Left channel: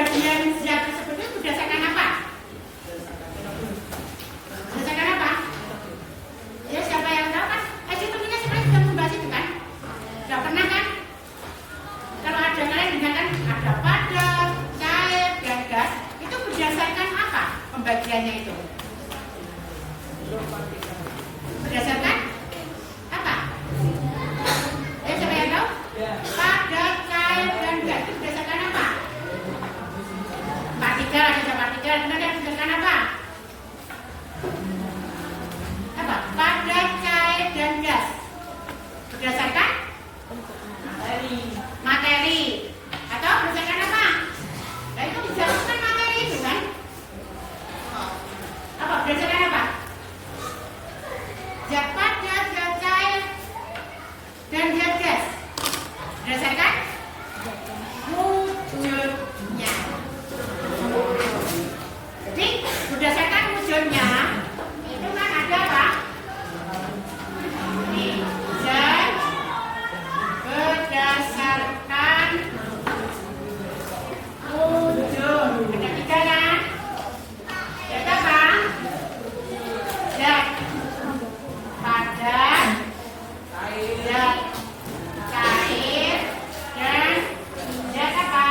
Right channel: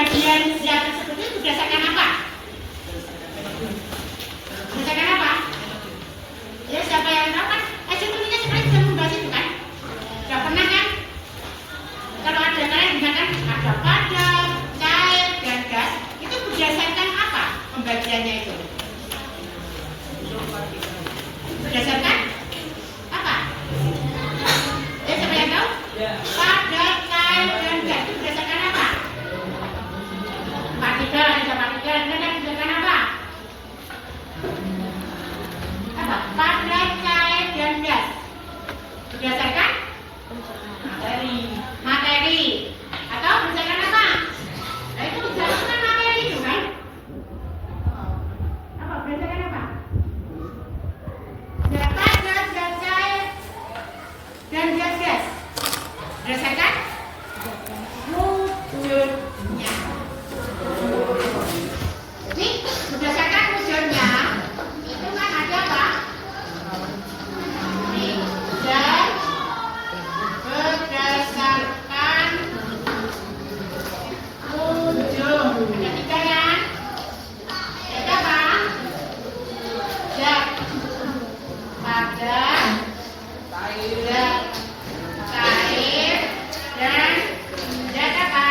pembagian zat tersebut itu berdasarkan apa? Berdasarkan apa? Ya siapa yang tahu kan? Sepertinya sekarang sudah membahas itu kan? Sudah pernah kan? Kalau ada yang lain misalkan ada padat, cair, dan gas, itu berdasarkan apa pembagiannya itu? Berdasarkan apa? Siapa yang tahu? Padat, cair, dan gas itu berdasarkan apa? Partikel, ada partikel, kan berdasarkan apa? Apa? Padat, cair, dan gas berdasarkan materi atau berdasarkan apa? Nah itu berdasarkan materi itu kan? Apa? Berdasarkan apa? Zat padat, zat cair, dan zat gas berdasarkan wujudnya. Jadi berdasarkan wujudnya itu kan ada apa? Zat berdasarkan wujud. Ada tiga kan? Zat apa? Zat padat, zat cair, dan zat apa?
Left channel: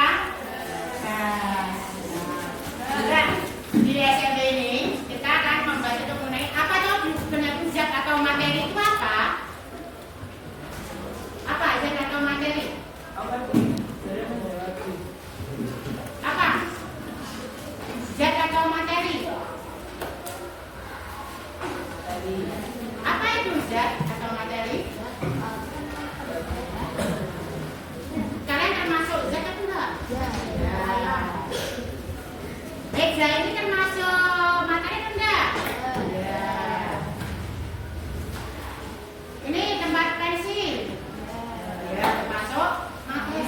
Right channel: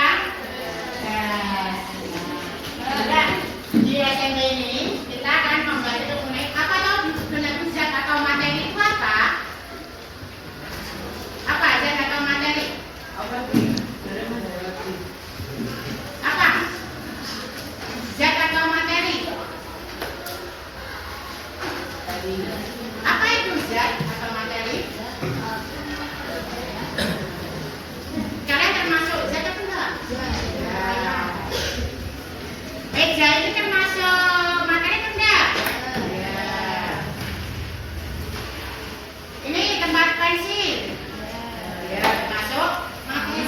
Gas. Nah, di SMD ini kita akan membahas mengenai apa tahu sebenarnya zat atau materi itu apa? Apa zat atau materi? Apa? Zat atau materi? Apa itu zat atau materi? Kalian termasuk zat atau enggak? Ya. Meja ini termasuk materi atau enggak? Ya. Ini tempat pensil. Ya, termasuk materi.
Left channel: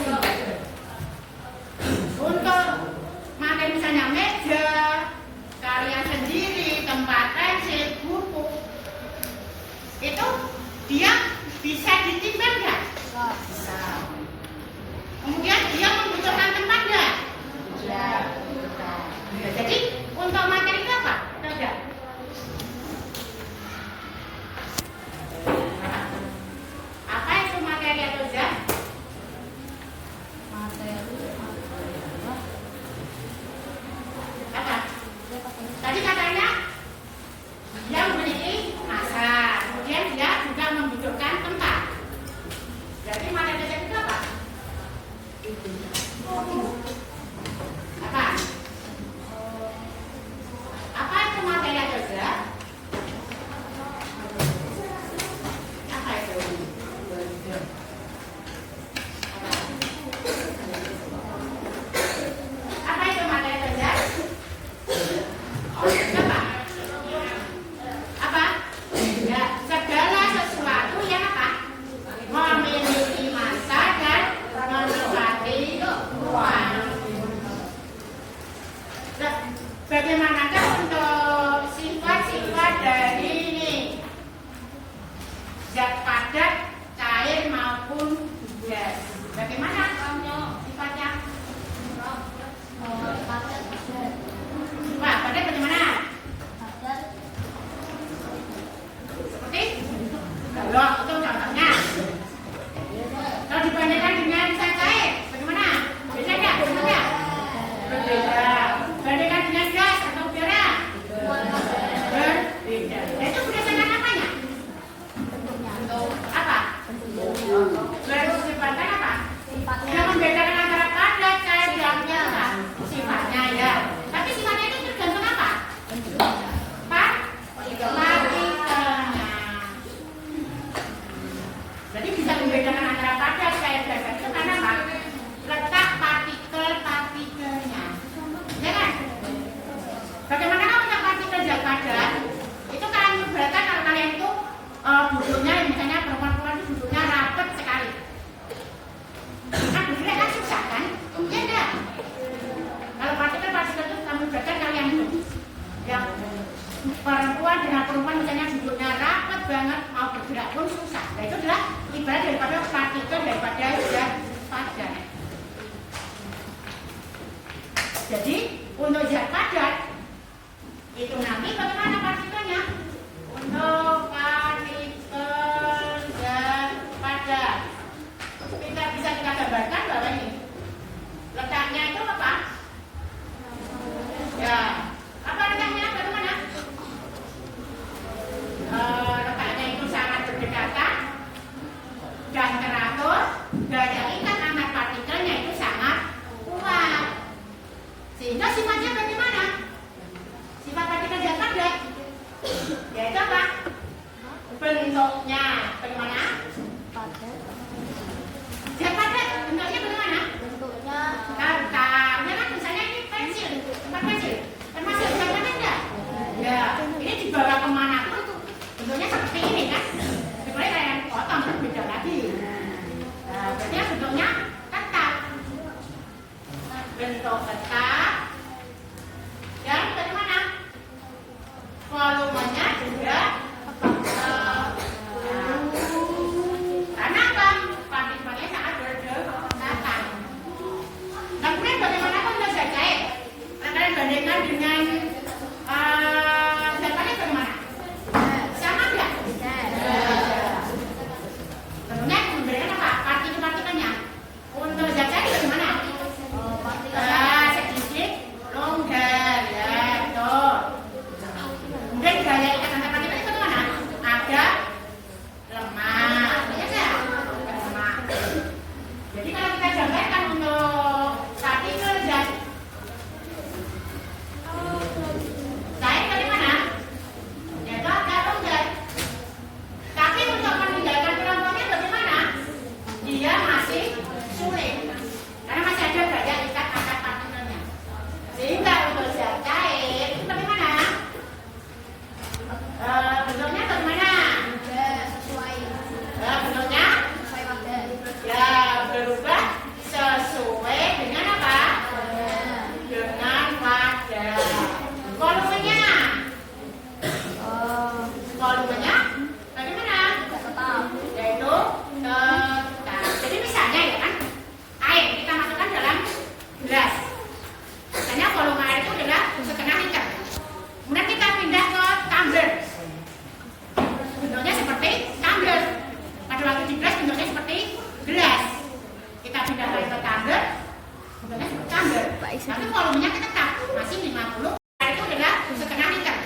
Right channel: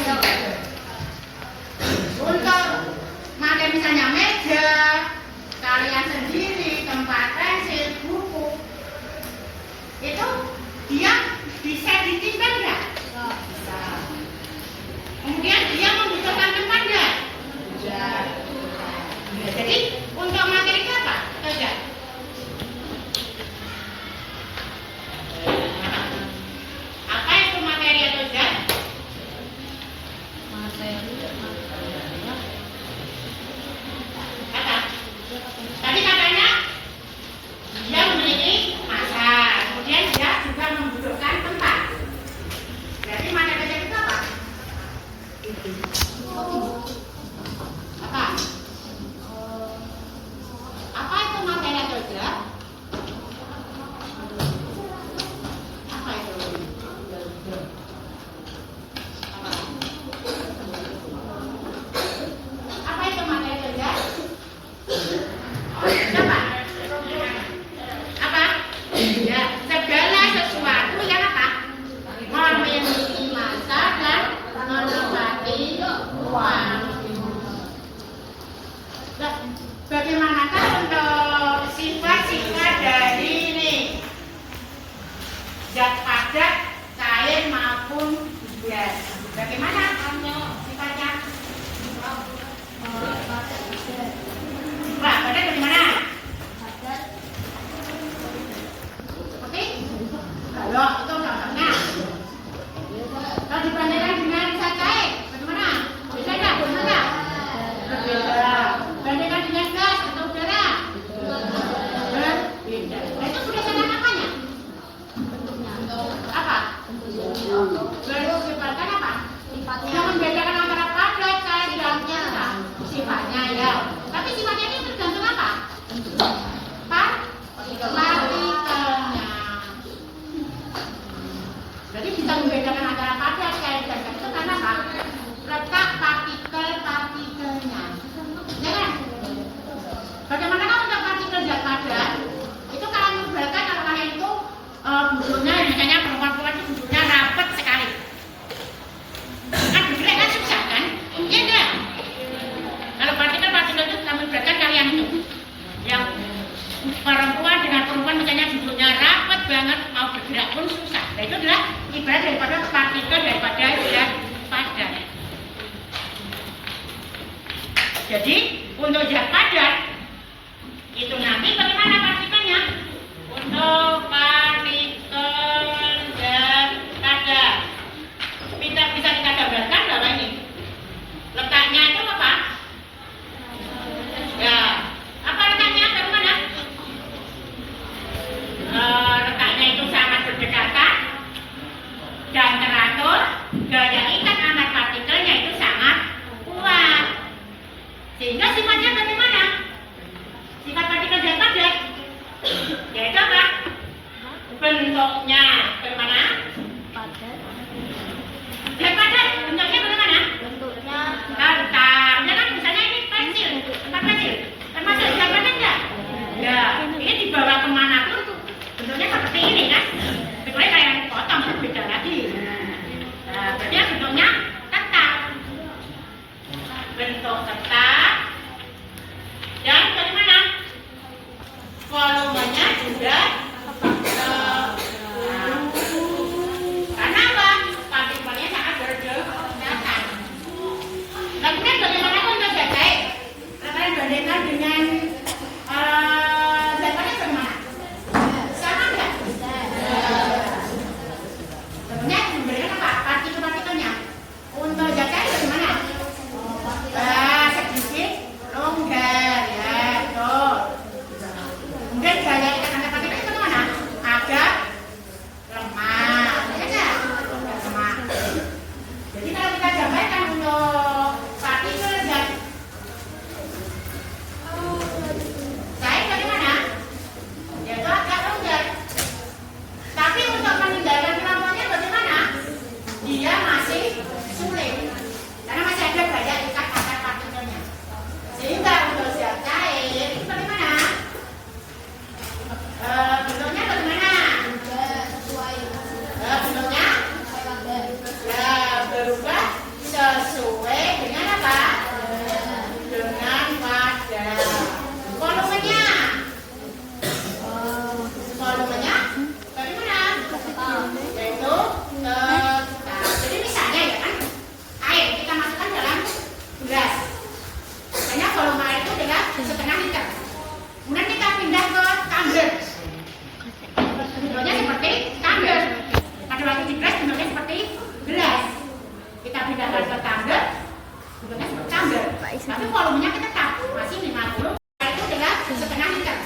Untuk materi misalnya meja, kalian sendiri, tempat pensil, buku, itu dia bisa ditimbang nggak? Bisa. Kemudian dia membutuhkan tempat nggak? Bisa. Ya, jadi untuk materi itu apa? Atau enggak? Apa itu materi atau zat? Apa? Tadi katanya dia memiliki massa, kemudian dia juga membutuhkan tempat. Jadi materi zat itu apa? Apa? Apa itu materi atau zat? Apa itu? Apa itu materi atau zat? Apa? Apa? Ya, segala sesuatu yang apa? Memiliki massa dan menempati ruang. Nah, bagaimanakah untuk sifat-sifat dari ini? Zat padat, cair maupun gas. Bagaimana sifatnya? Wah, padat bagaimana? Seperti? Kalau itu contohnya. Kalau dibandingkan dengan zat cair, bagaimana? Bisa nggak? Bisa nggak? Berbeda. Bandingkan dengan gas atau udara? Berbeda. Itu berdasarkan apanya? Apa? Berdasarkan apa? Yang membedakan antara padat, cair, dan gas. Sifatnya ya. Tapi sifatnya itu tergantung apa? Partikelnya. Jadi bisa membedakan antara padat, cair, dan gas itu karena apa? Letak partikel-partikelnya. Ya kan? Bagaimana untuk partikel zat padat? Itu kalian membedakan kalau kalian itu butuhnya, misalnya perempuan-perempuan itu butuhnya rapat sekali. Kan bergerak kan susah kan? Iya enggak? Kalau partikel-partikel itu kami bedakan kalian itu yang perempuan dengan perempuan misalnya duduknya rapat banget, mau bergerak pun susah. Nah itu adalah ibarat daripada partikel daripada zat padat. Jadi untuk zat padat itu nanti bagaimana partikelnya? Untuk partikel zat padat bisa kita gambarkan bahwa ini letaknya itu apa? Ya, apa letaknya? Bagaimana? Letaknya itu sangat berdekatan dan teratur. Gaya ikat antar partikelnya itu sangat kuat. Sehingga sifatnya bagaimana? Sifat partikel zat padat yaitu apa? Bentuknya bagaimana? Padat. Zat padat bentuknya bagaimana? Bentuknya Rentang. Ya kan misalnya ini pensil, tempat pensil. Termasuk zat padat enggak? Ya, ini dibawa kemana pun bentuknya seperti ini kan? Kecuali kayak yang potong beda lagi. Nah, berarti bentuknya tetap. Bentuk tetap. Dan bagaimana? Volumenya juga tetap. Karena apa? Partikelnya sangat berdekatan. Nah, kemudian bagaimana kalau zat cair? Kalian bandingkan dengan zat padat bagaimana? Sama enggak? Tentunya memberikan apa? Partikel-partikelnya. Untuk zat cair bagaimana? Sedikit longgar ya, tuh. Kemudian gaya ikat antar partikel itu bagaimana? Agak lemah, ya enggak? Lemah. Jadi kalau kita gambarkan untuk partikel zat cair bagaimana? Yaitu agak longgar. Tapi untuk meninggalkan kelompoknya bagaimana? Dia masih sulit karena masih ada gaya ikat antar partikelnya. Sehingga untuk zat cair itu bagaimana? Bentuknya bagaimana? sesuai Bentuknya padat. ya berubah sesuai dengan apa? Dengan wadah. Volumenya bagaimana? Tetap. Yaitu tetap. Jadi misalnya ya kan, air kita masukkan dalam gelas. Misalnya volume air itu adalah setengah liter. Kemudian kita pindah ke tumbler. Bentuknya seperti tumbler. Pada waktu di gelas bentuknya seperti gelas. Kita pindahkan ke tumbler, bentuknya seperti tumbler. Tapi volumenya tetap masih 50. Air itu adalah setengah liter.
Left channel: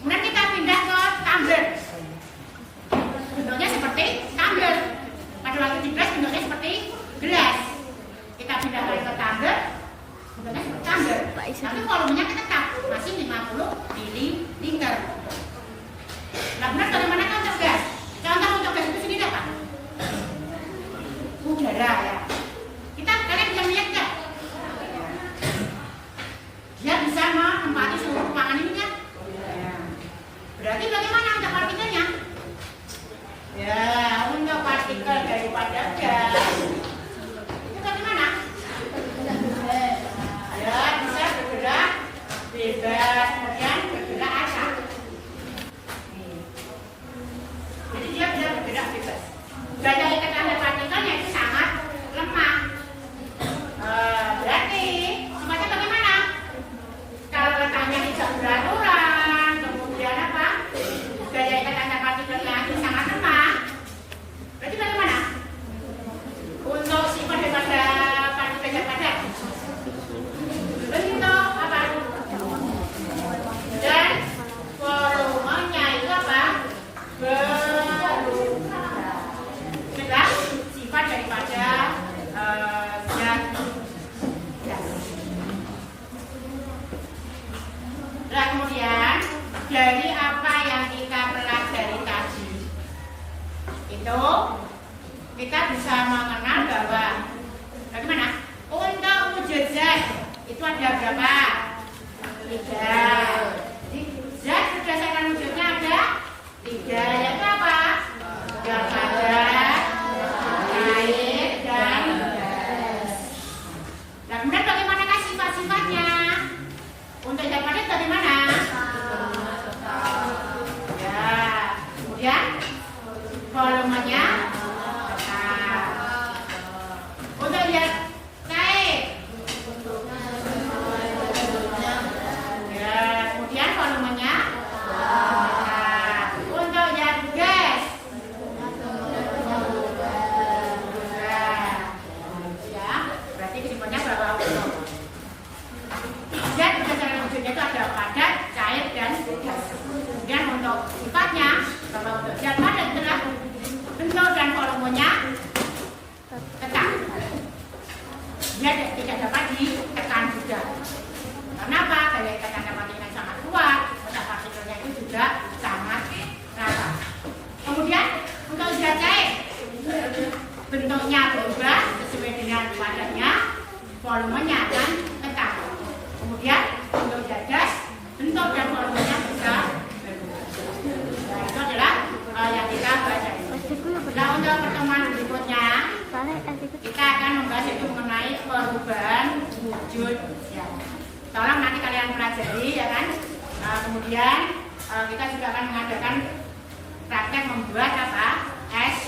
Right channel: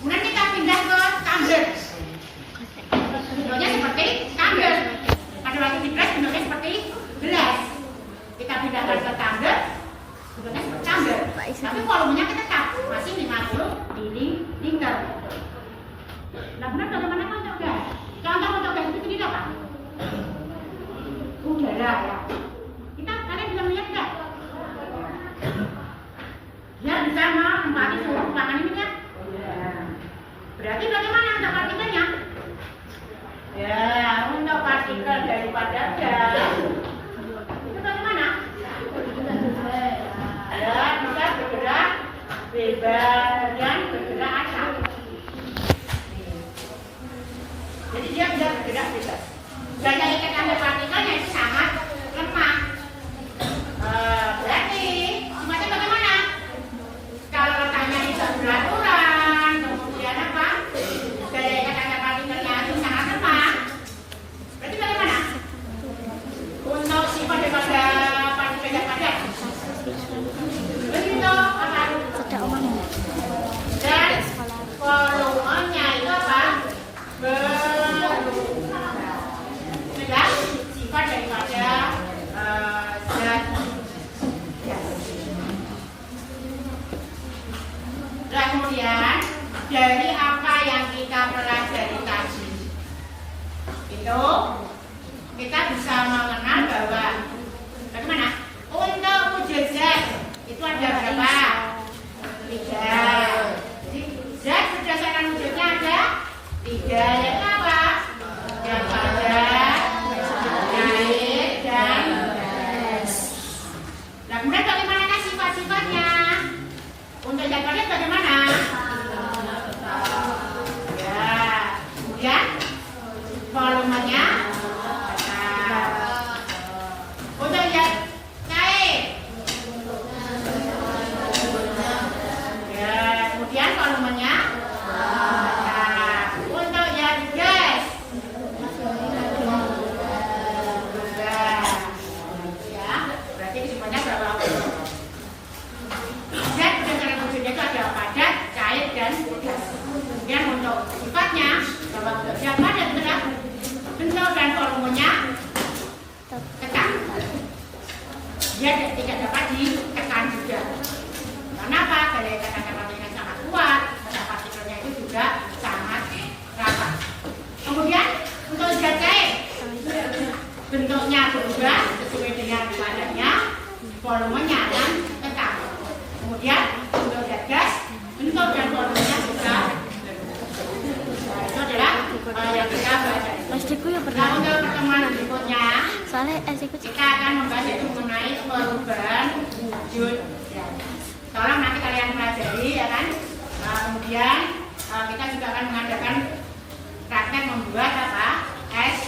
Kemudian kita pindah ke tumbler. Bentuknya seperti tumbler. Pada waktu di gelas bentuknya seperti gelas. Kita pindahkan ke tumbler, bentuknya seperti tumbler. Tapi volumenya tetap masih 50 ml. Nah, benar bagaimana untuk gas? Contoh untuk gas itu sendiri apa? Udara ya. Kalian bisa melihat nggak? Dia bisa menempati seluruh ruangan ini ya. Berarti bagaimana untuk partikelnya? Ya, untuk partikel daripada gas itu bagaimana? Ya, bisa bergerak bebas dan bergerak acak. Jadi dia bisa bergerak bebas. Gaya ikat antar partikelnya itu sangat lemah. Berarti sifatnya bagaimana? Kalau letaknya tidak beraturan, kemudian apa? Gaya ikat antar partikelnya itu sangat lemah. Berarti bagaimana? Untuk sifat daripada partikel zat padat. Bentuk apa? Dan volumenya itu apa? Berubah. Sifat daripada zat gas. Nah, kemudian dari apa yang kita pelajari tadi itu kita bisa mengenal bahwa bagaimana untuk wujud zat itu ada berapa? 3. Jadi zat berdasarkan wujudnya ada 3, yaitu apa? Zat padat, cair, dan gas. Nah, kemudian bagaimana sifat-sifatnya? Untuk zat padat bagaimana? Ya, kemudian volumenya tetap. Untuk zat cair Dan berdasarkan wujudnya itu ada padat, cair, dan gas. Kemudian untuk sifatnya, bahwa zat padat adalah bentuk dan volumenya tetap. Dia tidak dapat ditekan juga. Karena apa? Gaya ikatan materinya sangat kuat, pada partikelnya itu juga sangat rata. Kemudian untuk zat cair, bentuknya berubah sesuai dengan padatnya, volumenya dan tetap. Kemudian untuk zat gas, bentuk dan volumenya juga berubah. Nah, itu adalah yang kita baca. Nah, untuk pertemuan berikutnya, kita akan membahas itu mengenai perubahan wujud. Ya. Tolong nanti kalian pelajari, ya kan? Nah, kemudian kita juga akan mengadakan praktek membuat apa? Es